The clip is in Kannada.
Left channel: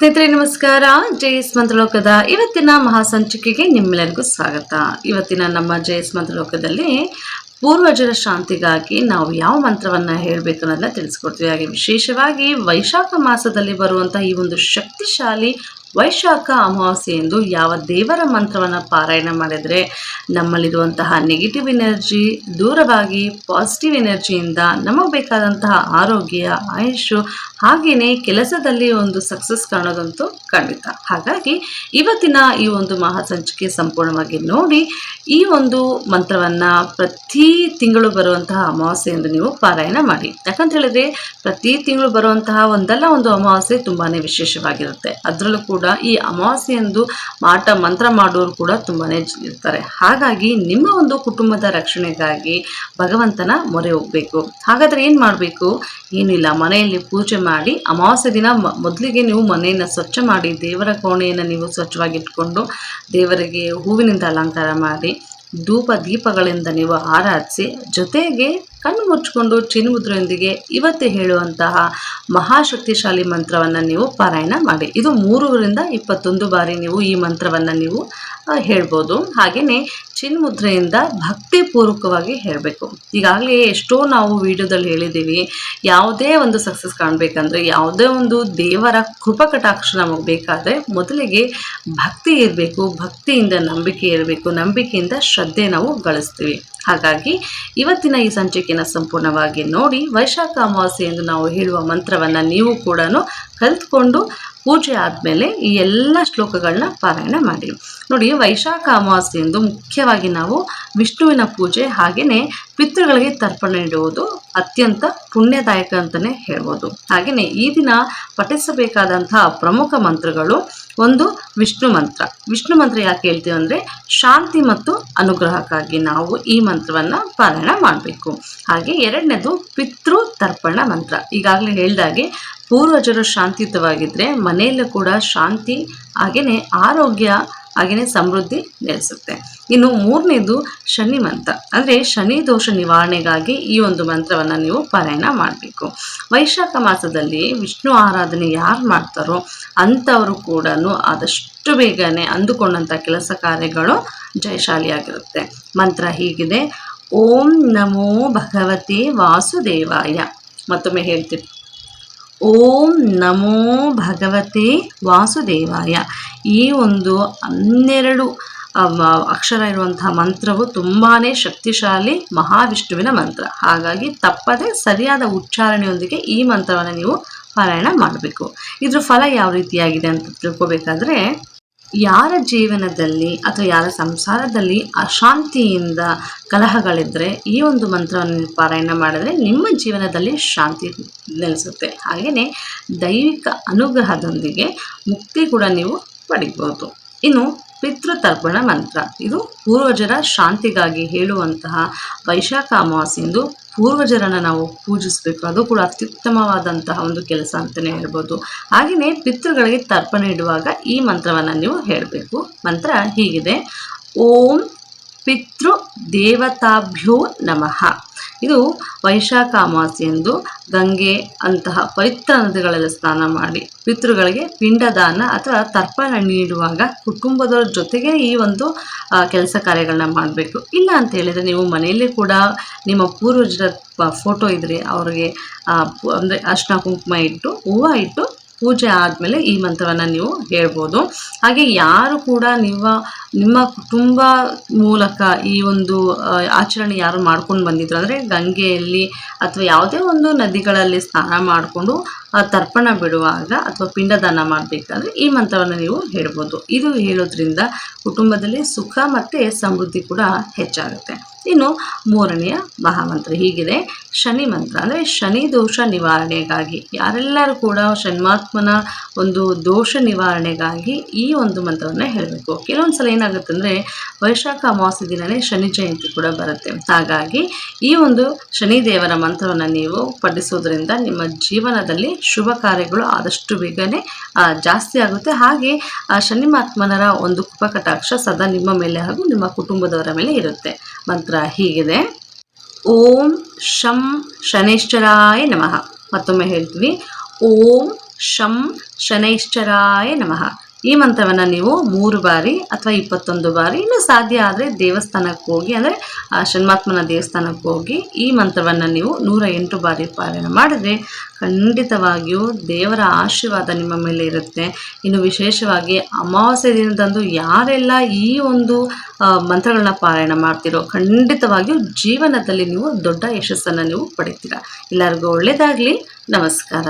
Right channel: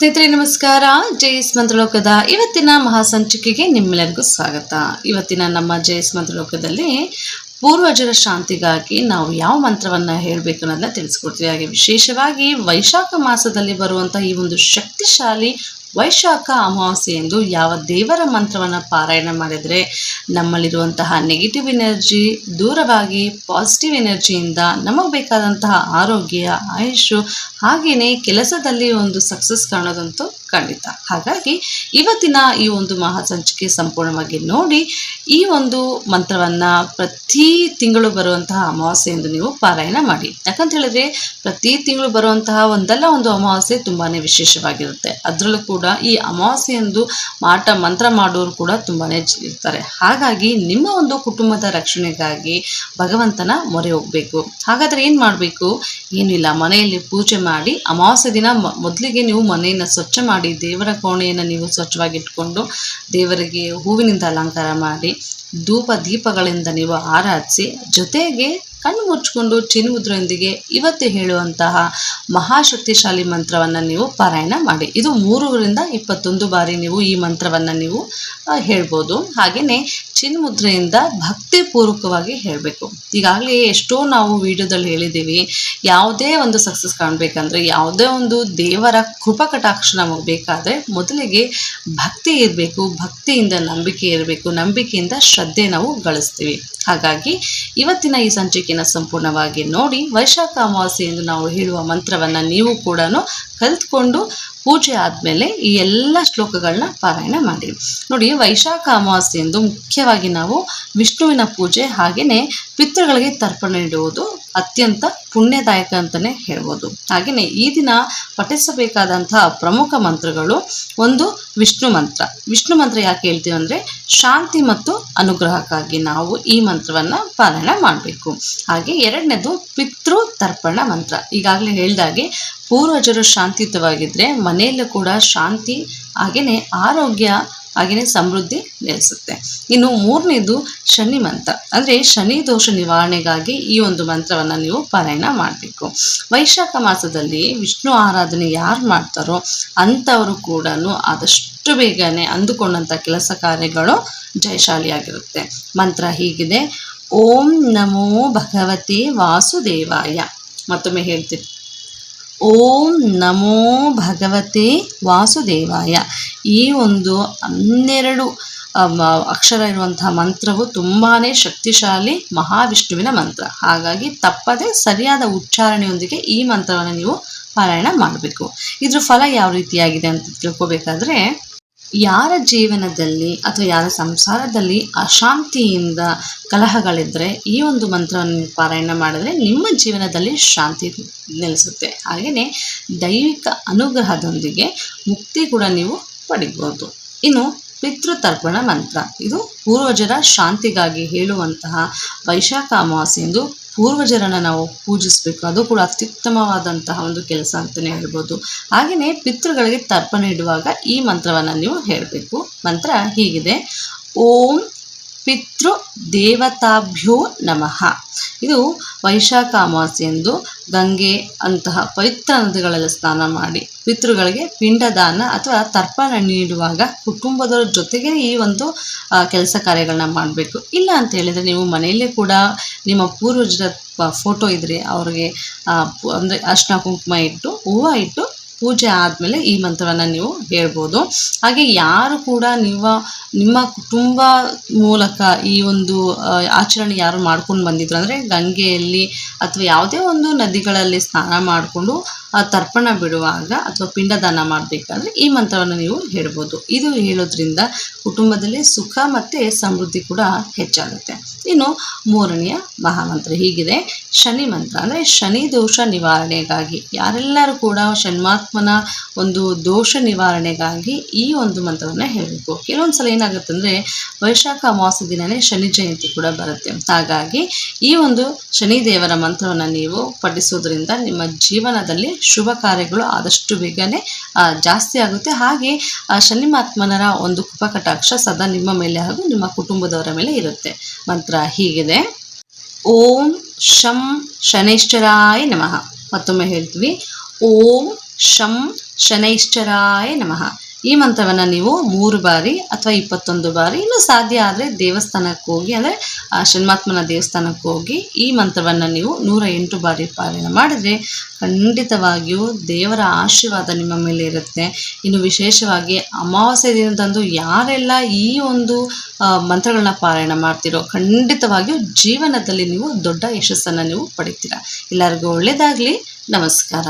ಸ್ನೇಹಿತರೆ ನಮಸ್ಕಾರ. ಜೆಎಸ್ ಮಂತ್ರಲೋಕದ ಇವತ್ತಿನ ಮಹಾಸಂಚಿಕೆಗೆ ನಿಮ್ಮೆಲ್ಲರಿಗೂ ಸ್ವಾಗತ. ಇವತ್ತಿನ ನಮ್ಮ ಜೆಎಸ್ ಮಂತ್ರಲೋಕದಲ್ಲಿ ಪೂರ್ವಜರ ಶಾಂತಿಗಾಗಿ ನಾವು ಯಾವ ಮಂತ್ರವನ್ನು ಹೇಳಬೇಕು ಅನ್ನೋದನ್ನ ತಿಳಿಸ್ಕೊಡ್ತೀವಿ. ಹಾಗೆ ವಿಶೇಷವಾಗಿ ವೈಶಾಖ ಮಾಸದಲ್ಲಿ ಬರುವಂಥ ಈ ಒಂದು ಶಕ್ತಿಶಾಲಿ ವೈಶಾಖ ಅಮಾವಾಸ್ಯೆ ಎಂದು ಯಾವ ದೇವರ ಮಂತ್ರವನ್ನು ಪಾರಾಯಣ ಮಾಡಿದರೆ ನಮ್ಮಲ್ಲಿರುವಂತಹ ನೆಗೆಟಿವ್ ಎನರ್ಜಿ ದೂರವಾಗಿ ಪಾಸಿಟಿವ್ ಎನರ್ಜಿಯಿಂದ ನಮಗೆ ಬೇಕಾದಂತಹ ಆರೋಗ್ಯ, ಆಯುಷು, ಹಾಗೆಯೇ ಕೆಲಸದಲ್ಲಿ ಒಂದು ಸಕ್ಸಸ್ ಕಾಣೋದಂತೂ ಖಂಡಿತ. ಹಾಗಾಗಿ ಇವತ್ತಿನ ಈ ಒಂದು ಮಹಾಸಂಚಿಕೆ ಸಂಪೂರ್ಣವಾಗಿ ನೋಡಿ ಈ ಒಂದು ಮಂತ್ರವನ್ನು ಪ್ರತಿ ತಿಂಗಳು ಬರುವಂತಹ ಅಮಾವಾಸ್ಯೆ ಎಂದು ನೀವು ಪಾರಾಯಣ ಮಾಡಿ. ಯಾಕಂತ ಹೇಳಿದ್ರೆ ಪ್ರತಿ ತಿಂಗಳು ಬರುವಂತಹ ಒಂದಲ್ಲ ಒಂದು ಅಮಾವಾಸ್ಯೆ ತುಂಬಾ ವಿಶೇಷವಾಗಿರುತ್ತೆ. ಅದರಲ್ಲೂ ಕೂಡ ಈ ಅಮಾವಾಸ್ಯೆಯಂದು ಮಂತ್ರ ಮಾಡೋರು ಕೂಡ ತುಂಬಾ ಇರ್ತಾರೆ. ಹಾಗಾಗಿ ನಿಮ್ಮ ಒಂದು ಕುಟುಂಬದ ರಕ್ಷಣೆಗಾಗಿ ಭಗವಂತನ ಮೊರೆ ಹೋಗಬೇಕು. ಹಾಗಾದರೆ ಏನು ಮಾಡಬೇಕು? ಏನಿಲ್ಲ, ಮನೆಯಲ್ಲಿ ಪೂಜೆ ಮಾಡಿ ಅಮಾವಾಸ್ಯೆ ದಿನ ಮೊದಲಿಗೆ ನೀವು ಮನೆಯನ್ನು ಸ್ವಚ್ಛ ಮಾಡಿ, ದೇವರ ಕೋಣೆಯನ್ನು ನೀವು ಸ್ವಚ್ಛವಾಗಿಟ್ಕೊಂಡು ದೇವರಿಗೆ ಹೂವಿನಿಂದ ಅಲಂಕಾರ ಮಾಡಿ, ಧೂಪ ದೀಪಗಳಿಂದ ನೀವು ಆರಾಧಿಸಿ, ಜೊತೆಗೆ ಕಣ್ಣು ಮುಚ್ಚಿಕೊಂಡು ಚಿನ್ಮುದ್ರೆಯೊಂದಿಗೆ ಇವತ್ತು ಹೇಳುವಂತಹ ಮಹಾಶಕ್ತಿಶಾಲಿ ಮಂತ್ರವನ್ನು ನೀವು ಪಾರಾಯಣ ಮಾಡಿ. ಇದು 3ರಿಂದ 21 ಬಾರಿ ನೀವು ಈ ಮಂತ್ರವನ್ನು ನೀವು ಹೇಳ್ಬೋದು. ಹಾಗೆಯೇ ಚಿನ್ಮುದ್ರೆಯಿಂದ ಭಕ್ತಿಪೂರ್ವಕವಾಗಿ ಹೇಳಬೇಕು. ಈಗಾಗಲೇ ಎಷ್ಟೋ ನಾವು ವಿಡಿಯೋದಲ್ಲಿ ಹೇಳಿದ್ದೀವಿ, ಯಾವುದೇ ಒಂದು ಸಕ್ಸಸ್ ಕಾಣಬೇಕಂದ್ರೆ, ಯಾವುದೇ ಒಂದು ದೇವರ ಕೃಪಕಟಾಕ್ಷ ನಮಗೆ ಬೇಕಾದರೆ ಮೊದಲಿಗೆ ಭಕ್ತಿ ಇರಬೇಕು, ಭಕ್ತಿಯಿಂದ ನಂಬಿಕೆ ಇರಬೇಕು, ನಂಬಿಕೆಯಿಂದ ಶ್ರದ್ಧೆ ನಾವು ಗಳಿಸ್ತೀವಿ. ಹಾಗಾಗಿ ಇವತ್ತಿನ ಈ ಸಂಚಿಕೆಯನ್ನು ಸಂಪೂರ್ಣವಾಗಿ ನೋಡಿ ವೈಶಾಖ ಅಮಾವಾಸ್ಯೆ ಎಂದು ನಾವು ಹೇಳುವ ಮಂತ್ರವನ್ನು ನೀವು ಕೂಡ ಕಲಿತ್ಕೊಂಡು ಪೂಜೆ ಆದಮೇಲೆ ಈ ಎಲ್ಲ ಶ್ಲೋಕಗಳನ್ನ ಪಾರಾಯಣ ಮಾಡಿ. ನೋಡಿ, ವೈಶಾಖ ಅಮಾವಾಸ್ಯೆ ಎಂದು ಮುಖ್ಯವಾಗಿ ನಾವು ವಿಷ್ಣುವಿನ ಪೂಜೆ ಹಾಗೆಯೇ ಪಿತೃಗಳಿಗೆ ತರ್ಪಣ ನೀಡುವುದು ಅತ್ಯಂತ ಪುಣ್ಯದಾಯಕ ಅಂತಲೇ ಹೇಳ್ಬೋದು. ಹಾಗೆಯೇ ಈ ದಿನ ಪಠಿಸಬೇಕಾದಂತಹ ಪ್ರಮುಖ ಮಂತ್ರಗಳು, ಒಂದು ವಿಷ್ಣು ಮಂತ್ರ. ವಿಷ್ಣು ಮಂತ್ರ ಯಾಕೆ ಹೇಳ್ತೀವಿ ಅಂದರೆ ಶಾಂತಿ ಮತ್ತು ಅನುಗ್ರಹಕ್ಕಾಗಿ ನಾವು ಈ ಮಂತ್ರವನ್ನು ಪಾರಾಯಣ ಮಾಡಬೇಕು. ಹಾಗೆ ಎರಡನೇದು ಪಿತೃ ತರ್ಪಣ ಮಂತ್ರ. ಈಗಾಗಲೇ ಹೇಳಿದಾಗೆ ಪೂರ್ವಜರು ಶಾಂತಿಯುತವಾಗಿದ್ದರೆ ಮನೆಯಲ್ಲೂ ಕೂಡ ಶಾಂತಿ ಹಾಗೆಯೇ ಆರೋಗ್ಯ ಹಾಗೆಯೇ ಸಮೃದ್ಧಿ ನೆಲೆಸುತ್ತೆ. ಇನ್ನು ಮೂರನೇದು ಶನಿ ಮಂತ್ರ, ಅಂದರೆ ಶನಿ ದೋಷ ನಿವಾರಣೆಗಾಗಿ ಈ ಒಂದು ಮಂತ್ರವನ್ನು ನೀವು ಪಾರಾಯಣ ಮಾಡಬೇಕು. ವೈಶಾಖ ಮಾಸದಲ್ಲಿ ವಿಷ್ಣು ಆರಾಧನೆ ಯಾರು ಮಾಡ್ತಾರೋ ಅಂಥವರು ಕೂಡ ಆದಷ್ಟು ಬೇಗನೆ ಅಂದುಕೊಂಡಂಥ ಕೆಲಸ ಕಾರ್ಯಗಳು ಜಯಶಾಲಿಯಾಗಿರುತ್ತೆ. ಮಂತ್ರ ಹೀಗಿದೆ: ಓಂ ನಮೋ ಭಗವತೆ ವಾಸುದೇವಾಯ. ಮತ್ತೊಮ್ಮೆ ಹೇಳ್ತೀನಿ, ಓಂ ನಮೋ ಭಗವತೆ ವಾಸುದೇವಾಯ. ಈ ಒಂದು 12 ಅಕ್ಷರ ಇರುವಂತಹ ಮಂತ್ರವು ತುಂಬಾ ಶಕ್ತಿಶಾಲಿ ಮಹಾವಿಷ್ಣುವಿನ ಮಂತ್ರ. ಹಾಗಾಗಿ ತಪ್ಪದೆ ಸರಿಯಾದ ಉಚ್ಚಾರಣೆಯೊಂದಿಗೆ ಈ ಮಂತ್ರವನ್ನು ನೀವು ಪಾರಾಯಣ ಮಾಡಬೇಕು. ಇದ್ರ ಫಲ ಯಾವ ರೀತಿಯಾಗಿದೆ ಅಂತ ತಿಳ್ಕೊಬೇಕಾದ್ರೆ, ಯಾರ ಜೀವನದಲ್ಲಿ ಅಥವಾ ಯಾರ ಸಂಸಾರದಲ್ಲಿ ಅಶಾಂತಿಯಿಂದ ಕಲಹಗಳಿದ್ದರೆ ಈ ಒಂದು ಮಂತ್ರವನ್ನು ಪಾರಾಯಣ ಮಾಡಿದ್ರೆ ನಿಮ್ಮ ಜೀವನದಲ್ಲಿ ಶಾಂತಿ ನೆಲೆಸುತ್ತೆ. ಹಾಗೆಯೇ ದೈವಿಕ ಅನುಗ್ರಹದೊಂದಿಗೆ ಮುಕ್ತಿ ಕೂಡ ನೀವು ಪಡಿಬೋದು. ಇನ್ನು ಪಿತೃತರ್ಪಣ ಮಂತ್ರ, ಇದು ಪೂರ್ವಜರ ಶಾಂತಿಗಾಗಿ ಹೇಳುವಂತಹ ವೈಶಾಖ ಅಮಾವಾಸ್ಯೆಯಂದು ಪೂರ್ವಜರನ್ನು ನಾವು ಪೂಜಿಸಬೇಕು. ಅದು ಕೂಡ ಅತ್ಯುತ್ತಮವಾದಂತಹ ಒಂದು ಕೆಲಸ ಅಂತಲೇ ಹೇಳ್ಬೋದು. ಹಾಗೆಯೇ ಪಿತೃಗಳಿಗೆ ತರ್ಪಣ ಇಡುವಾಗ ಈ ಮಂತ್ರವನ್ನು ನೀವು ಹೇಳಬೇಕು. ಮಂತ್ರ ಹೀಗಿದೆ: ಓಂ ಪಿತೃ ದೇವತಾಭ್ಯೋ ನಮಃ. ಇದು ವೈಶಾಖ ಅಮಾವಾಸ್ಯೆಯಂದು ಗಂಗೆ ಅಂತಹ ಪವಿತ್ರ ನದಿಗಳಲ್ಲಿ ಸ್ನಾನ ಮಾಡಿ ಪಿತೃಗಳಿಗೆ ಪಿಂಡದಾನ ಅಥವಾ ತರ್ಪಣ ನೀಡುವಾಗ ಕುಟುಂಬದವ್ರ ಜೊತೆಗೆ ಈ ಒಂದು ಕೆಲಸ ಕಾರ್ಯಗಳನ್ನ ಮಾಡಬೇಕು. ಇಲ್ಲ ಅಂತ ಹೇಳಿದರೆ ನೀವು ಮನೆಯಲ್ಲೇ ಕೂಡ ನಿಮ್ಮ ಪೂರ್ವಜರ ಫೋಟೋ ಇದ್ದರೆ ಅವ್ರಿಗೆ ಅಂದರೆ ಅರ್ಶಿನ ಕುಂಕುಮ ಇಟ್ಟು ಹೂವು ಇಟ್ಟು ಪೂಜೆ ಆದಮೇಲೆ ಈ ಮಂತ್ರವನ್ನು ನೀವು ಹೇಳ್ಬೋದು. ಹಾಗೆ ಯಾರು ಕೂಡ ನಿಮ್ಮ ಕುಟುಂಬ ಮೂಲಕ ಈ ಒಂದು ಆಚರಣೆ ಯಾರು ಮಾಡ್ಕೊಂಡು ಬಂದಿದ್ರು ಅಂದರೆ ಗಂಗೆಯಲ್ಲಿ ಅಥವಾ ಯಾವುದೇ ಒಂದು ನದಿಗಳಲ್ಲಿ ಸ್ನಾನ ಮಾಡಿಕೊಂಡು ತರ್ಪಣ ಬಿಡುವಾಗ ಅಥವಾ ಪಿಂಡದಾನ ಮಾಡಬೇಕಾದ್ರೆ ಈ ಮಂತ್ರವನ್ನು ನೀವು ಹೇಳ್ಬೋದು. ಇದು ಹೇಳೋದ್ರಿಂದ ಕುಟುಂಬದಲ್ಲಿ ಸುಖ ಮತ್ತು ಸಮೃದ್ಧಿ ಕೂಡ ಹೆಚ್ಚಾಗುತ್ತೆ. ಇನ್ನು ಮೂರನೆಯ ಮಹಾಮಂತ್ರ ಹೀಗಿದೆ: ಶನಿ ಮಂತ್ರ, ಅಂದರೆ ಶನಿ ದೋಷ ನಿವಾರಣೆಗಾಗಿ ಯಾರೆಲ್ಲರೂ ಕೂಡ ಶನ್ಮಾತ್ಮನ ಒಂದು ದೋಷ ನಿವಾರಣೆಗಾಗಿ ಈ ಒಂದು ಮಂತ್ರವನ್ನು ಹೇಳಬೇಕು. ಕೆಲವೊಂದು ಸಲ ಏನಾಗುತ್ತೆ ಅಂದರೆ ವೈಶಾಖ ಅಮಾವಾಸ್ಯೆ ದಿನವೇ ಶನಿ ಜಯಂತಿ ಕೂಡ ಬರುತ್ತೆ. ಹಾಗಾಗಿ ಈ ಒಂದು ಶನಿ ದೇವರ ಮಂತ್ರವನ್ನು ನೀವು ಪಠಿಸೋದ್ರಿಂದ ನಿಮ್ಮ ಜೀವನದಲ್ಲಿ ಶುಭ ಕಾರ್ಯಗಳು ಆದಷ್ಟು ಬೇಗನೆ ಜಾಸ್ತಿ ಆಗುತ್ತೆ. ಹಾಗೆ ಶನಿಮಾತ್ಮನರ ಒಂದು ಕೃಪಕಟಾಕ್ಷ ಸದಾ ನಿಮ್ಮ ಮೇಲೆ ಹಾಗೂ ನಿಮ್ಮ ಕುಟುಂಬದವರ ಮೇಲೆ ಇರುತ್ತೆ. ಮಂತ್ರ ಹೀಗಿದೆ: ಓಂ ಶಂ ಶನೇಶ್ವರಾಯ ನಮಃ. ಮತ್ತೊಮ್ಮೆ ಹೇಳ್ತೀವಿ, ಓಂ ಶಂ ಶನೈಶ್ಚರಾಯ ನಮಃ. ಈ ಮಂತ್ರವನ್ನು ನೀವು 3 ಬಾರಿ ಅಥವಾ 21 ಬಾರಿ, ಇನ್ನು ಸಾಧ್ಯ ಆದರೆ ದೇವಸ್ಥಾನಕ್ಕೆ ಹೋಗಿ, ಅಂದರೆ ಷಣ್ಮಾತ್ಮನ ದೇವಸ್ಥಾನಕ್ಕೆ ಹೋಗಿ ಈ ಮಂತ್ರವನ್ನು ನೀವು 108 ಬಾರಿ ಪಾರಾಯಣ ಮಾಡಿದರೆ ಖಂಡಿತವಾಗಿಯೂ ದೇವರ ಆಶೀರ್ವಾದ ನಿಮ್ಮ ಮೇಲೆ ಇರುತ್ತೆ. ಇನ್ನು ವಿಶೇಷವಾಗಿ ಅಮಾವಾಸ್ಯೆ ದಿನದಂದು ಯಾರೆಲ್ಲ ಈ ಒಂದು ಮಂತ್ರಗಳನ್ನ ಪಾರಾಯಣ ಮಾಡ್ತಿರೋ ಖಂಡಿತವಾಗಿಯೂ ಜೀವನದಲ್ಲಿ ನೀವು ದೊಡ್ಡ ಯಶಸ್ಸನ್ನು ನೀವು ಪಡಿತೀರ. ಎಲ್ಲರಿಗೂ ಒಳ್ಳೆಯದಾಗಲಿ. ನಮಸ್ಕಾರ.